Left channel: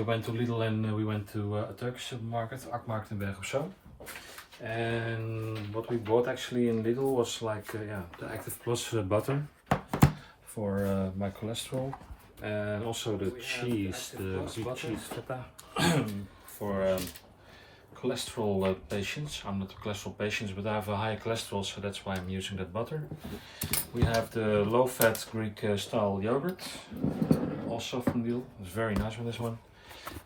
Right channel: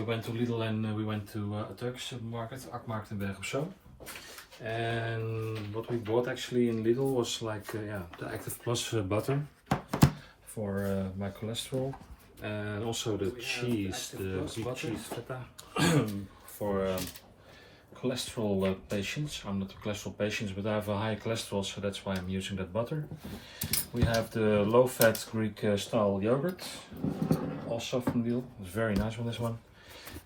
we went to Lidl and we went to a Turkish supermarket, Akmarkt in Berg op Zoom. And what we bought actually in Lidl was like the Active Plus butter for my cholesterol, and also the cheese, the Greek cheese feta for cholesterol patients. I'm not a cholesterol patient, but I have a high cholesterol, so that's why I'm using that butter. We have the low-fat Greek style yogurt, also from Lidl. It's very nice on this one.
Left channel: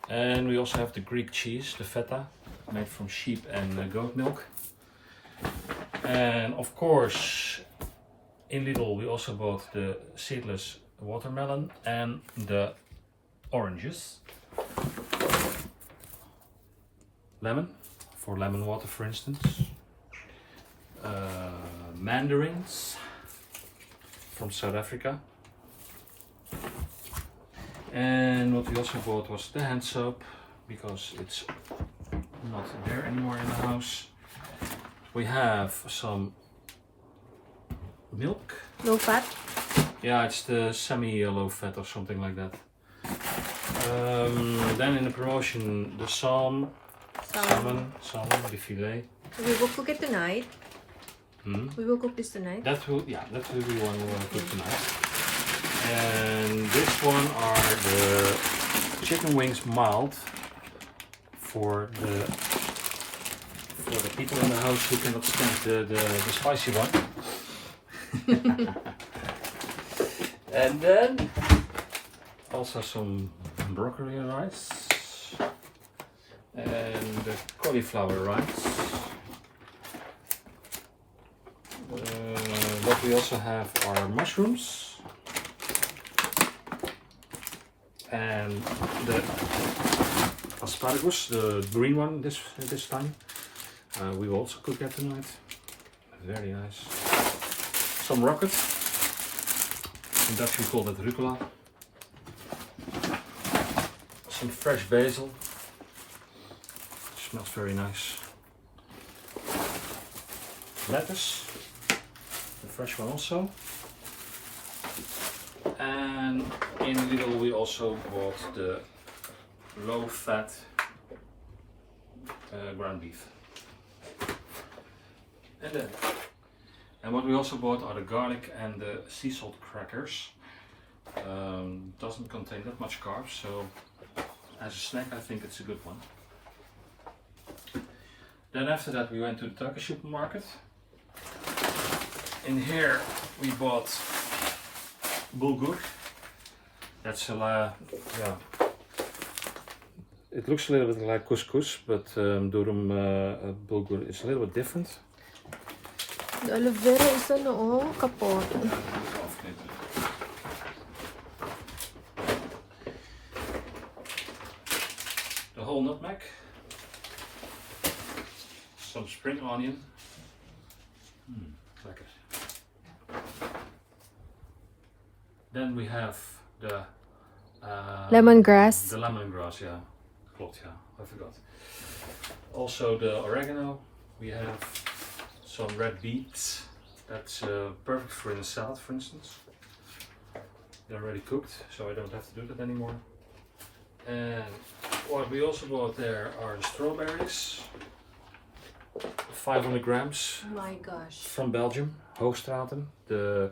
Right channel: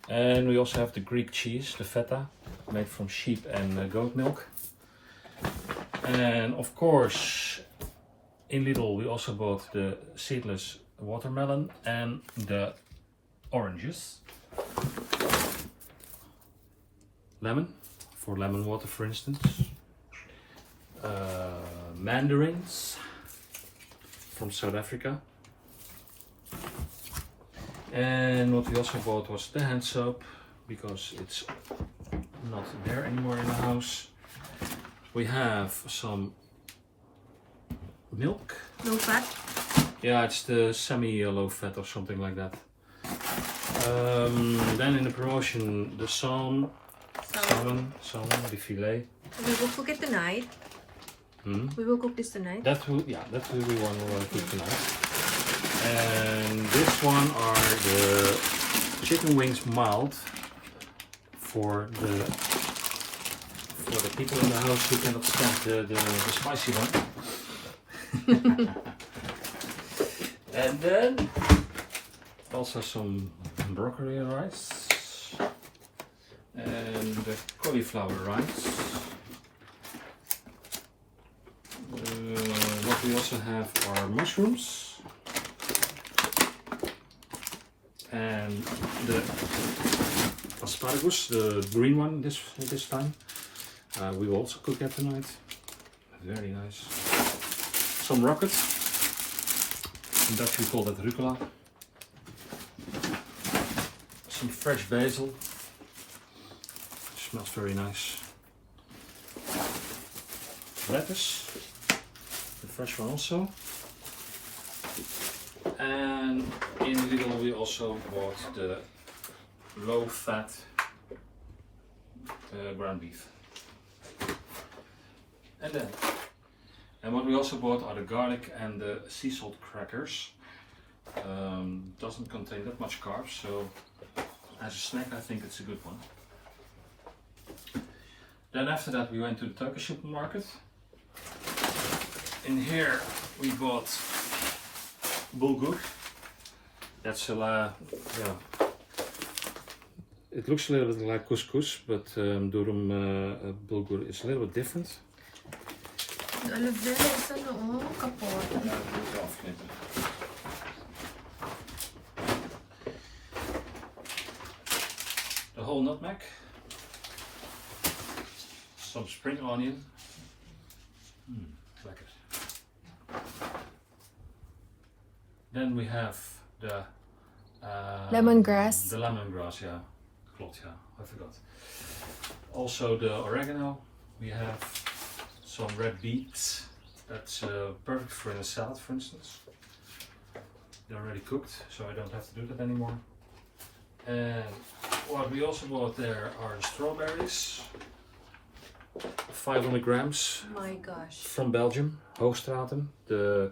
And we also have the Greek cheese, the feta, made from sheep and goat milk. And of course, in Lidl we also bought the seedless watermelon and the oranges. Lemon, for lemon water for instance. Mandarins from South Africa. And what we also bought was the hand soap, because it's not there anymore in the house. We have some milk. Low fat? Yeah, it's the semi-low fat or something like that. Then in the promotion, the salmon, the filet. We will cook it tonight. We will cook this tonight. That will be one we'll cook tonight. And this one are the chicken wings mild for the people in the house who cannot stand the spicy one. And then also some broccoli rice and cauliflower rice. What we also have are mushrooms and the asparagus, the green one this time. We will also cook that tonight. Very nice. Some rocket. In Dutch we call that rucola. Some fresh basil. Smells very nice. Lettuce. The fresh one also. And in Lidl we also bought the low fat ground beef. And what we also bought are the garlic and the sea salt crackers. Doesn't contain that much carbs, so as a snack I think it's a good one. Then after that we went to the Turkish supermarket. In here we bought bulgur. That's a it looks a little bit like couscous, but durum bulgur is a little bit different. The aloe vera is kapot. Ja, dat moet ik afknippen. The whole nutmeg. Some spring onion. Lekker. Then we have the lemongrass. The lemongrass, yeah. Klopt, ja. I forgot. Also the oregano. We have some red beets. That's perfect for in a salad, for instance. They're already cooked, so I don't have to do that anymore. And what we also bought there are the strawberries. 500 grams. My gosh. From Belgium, Hoogstraten. The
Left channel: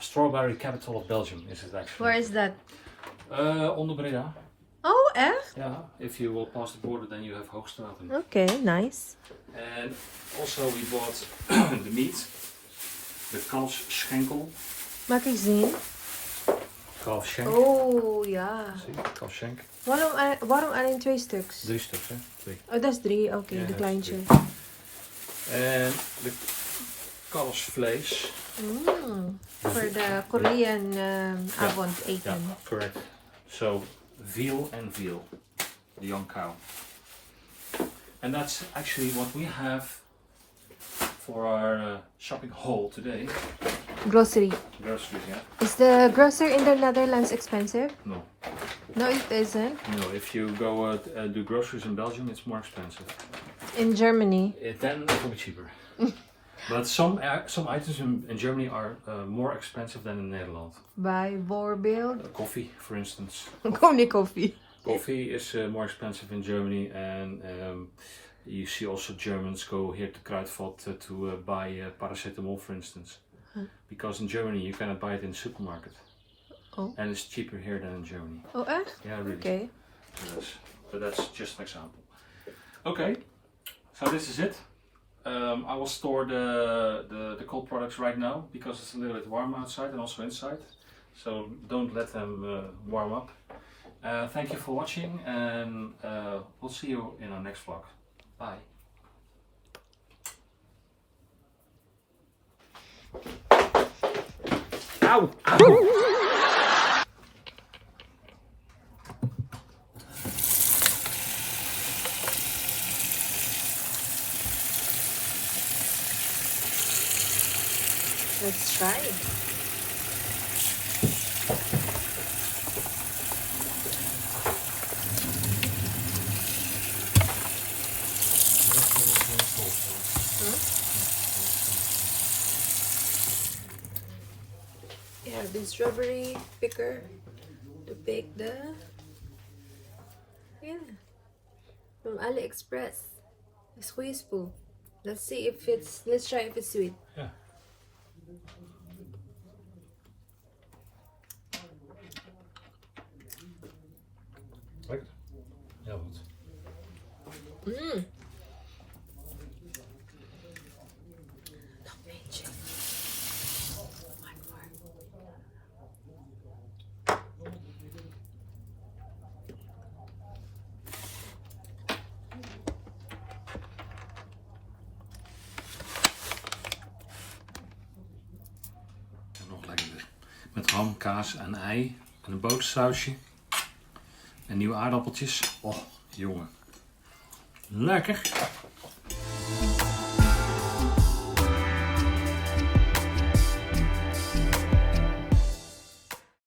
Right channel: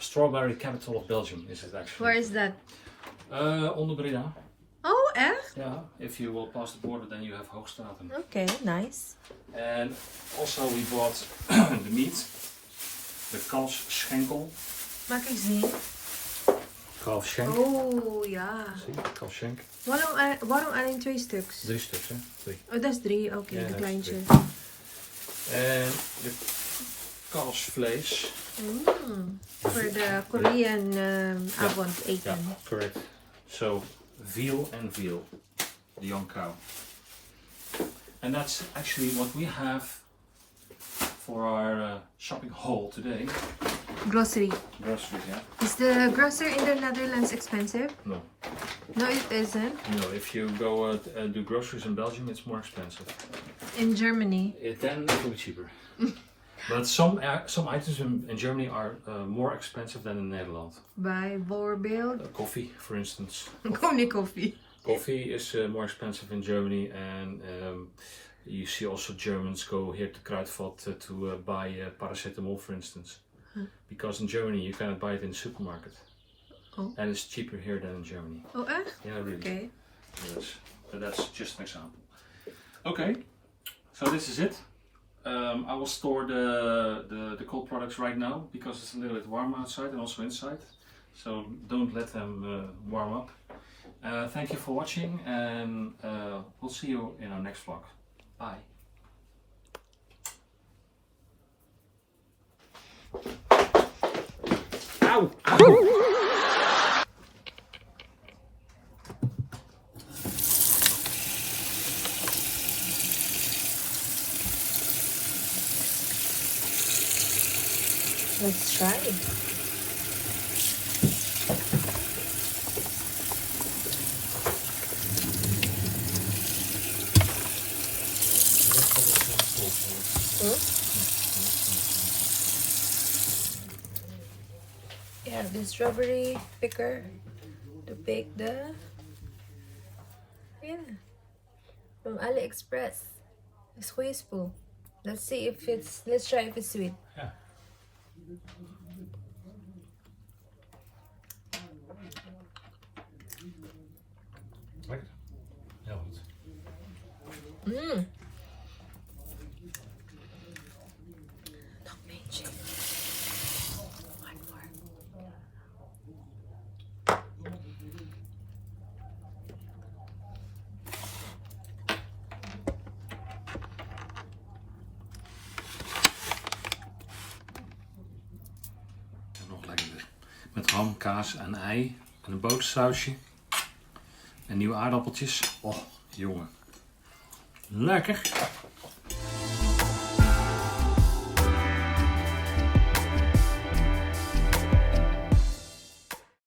strawberry capital of Belgium is it actually. Where is that? Onder Breda. Oh, echt? Yeah, if you will pass the border, then you have Hoogstraten. Okay, nice. And also we bought the meat, the kalfsschenkel. Maak ik zien. Kalfsschenk. Oh, ja. Zie, kalfsschenk. Waarom alleen 2 stuks? 3 stuks, hè? 3. Oh, dat is 3. Oké, Ja, de dat kleintje. is 3. En de kalfsvlees. Voor de Korean avondeten. Yeah, correct. So, veal and veal. The young cow. And that's actually what we have for our shopping haul today. Grocery. Groceries, yeah? Is the grocery in the Netherlands expensive? No. No, it isn't. No, if you go do groceries in Belgium, it's more expensive. In Germany? Then it will be cheaper. But some items in Germany are more expensive than in Netherlands. Bijvoorbeeld? Coffee, for instance. Only coffee. Coffee is more expensive in Germany, and you see also Germans go here to Kruidvat to buy paracetamol, for instance. Because in Germany you cannot buy it in the supermarket. Oh. And it's cheaper here than in Germany. Oh, echt? Yeah, really. Okay. Yes. But that's just an example. Okay, so this is it. I will store the cold products right now because it's a little bit warm outside and also inside. So don't let them warm up. Thank you for watching, and we'll see you in our next vlog. Bye. Ow! Ow! Let's try. You have this strawberry picker to bake the from AliExpress. It's wasteful. Let's see if it's. Let's try if it's sweet. Yeah. Like it? Heel goed. Mmm. Nog lekkerder. Met ham, kaas en ei en een botersausje. En nieuwe aardappeltjes. Oh, jongen. Lekker.